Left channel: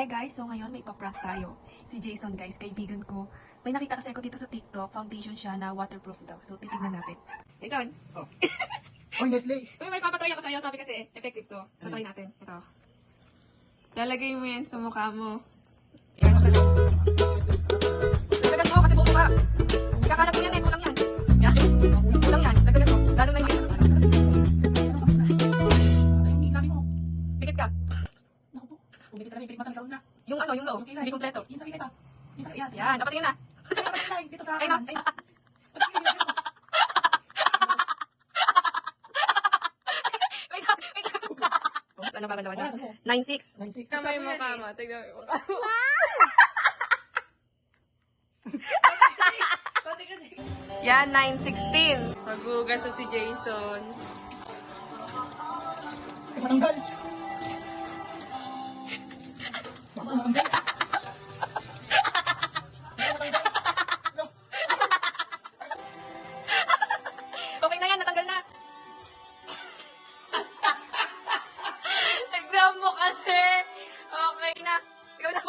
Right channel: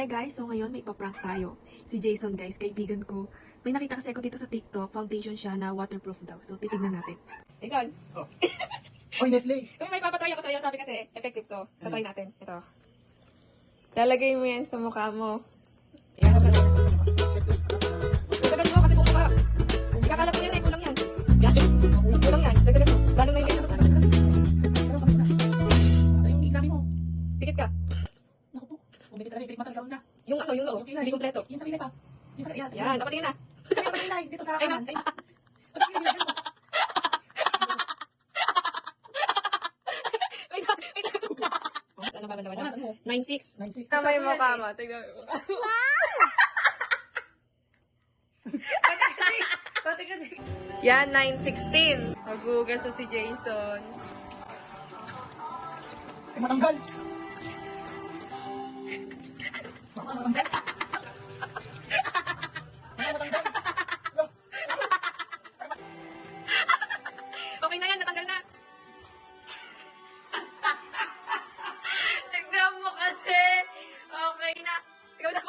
Hi guys! So ngayon may ipaprank tayo. Si Jason guys, kaibigan ko. May nakita kasi ako dito sa TikTok, foundation siya na waterproof daw. So titignan natin. Jason! Oh. Oy, Nestle! May papatry ako sa'yo. Sabi kasi, effective to. Patry natin. Ito. Lalagay mo yan sa mukha mo. Dagdagan mo kasi buto ka. Kakalap yan eh. Kulang yan. Kulang yan. Dagdagan mo. Gano'n na yan. Ay, dami mo. Pikit ka. Naku po. Umikit ka na rin. Pikit matanggaw na. Yung ano, yung loob. Hindi kompleto. Yung sa gilid pa. Yung sa gilid. Yan. Napatingin na. Dito sa akin. Ayun. Ano ba naman naman? 9-6. Kamay mo ka mo. Tignan mo. Yan, 9:16. Magugas na si Jason. Matanggal! Matanggal! Okay na yan, natanggal na. Tignan mo kasi. Okay na. Ikaw na